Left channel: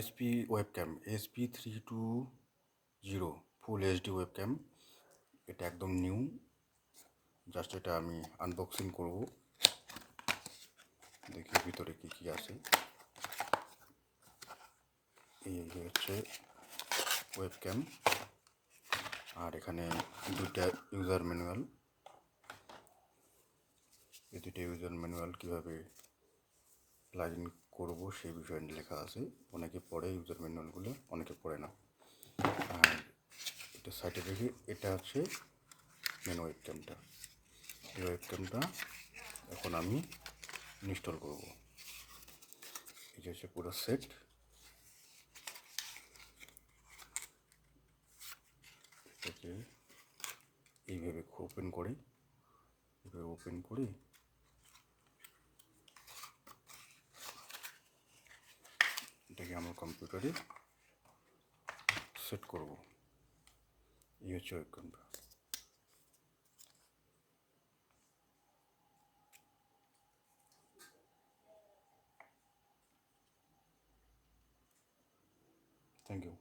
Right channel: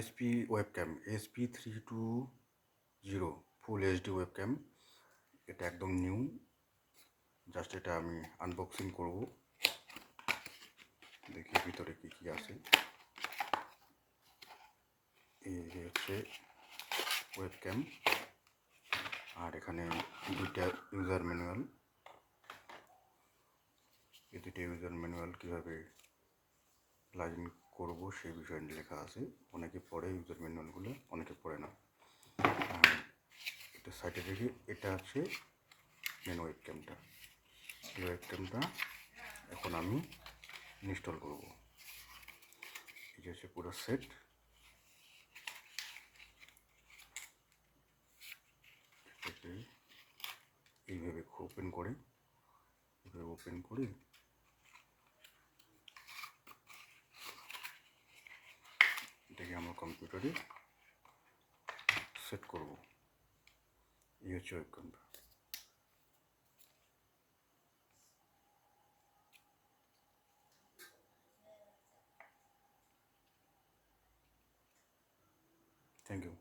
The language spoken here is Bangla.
SP webcam SP320 full HD webcam. এটা একদম নিউ, জাস্ট এটা আমি আনবক্সিং করব, দেখি ভিতরে কি কি আছে। এই হচ্ছে ওয়েবক্যাম, আর এখানে দুটা ইউজার ম্যানুয়াল। এই দুটো ইউজার ম্যানুয়াল কীভাবে প্লাগ ইন করবো সেই বিষয়ে লেখা আছে। অনেকে পড়ে ইউজার ম্যানুয়ালগুলো, অনেকে পড়ে না। আর এটা সাইডে রেখে, এটা হচ্ছে মেন ওয়েবক্যামটা। এই ওয়েবক্যামটা এখন আমি ইনস্টল করব। এই যে হচ্ছে পুরো সেট। এটাকে এইভাবে ওপেন করে, এটাকে আমার কম্পিউটারে সেট করব। এই হচ্ছে ওয়েবক্যামটা। Thank you.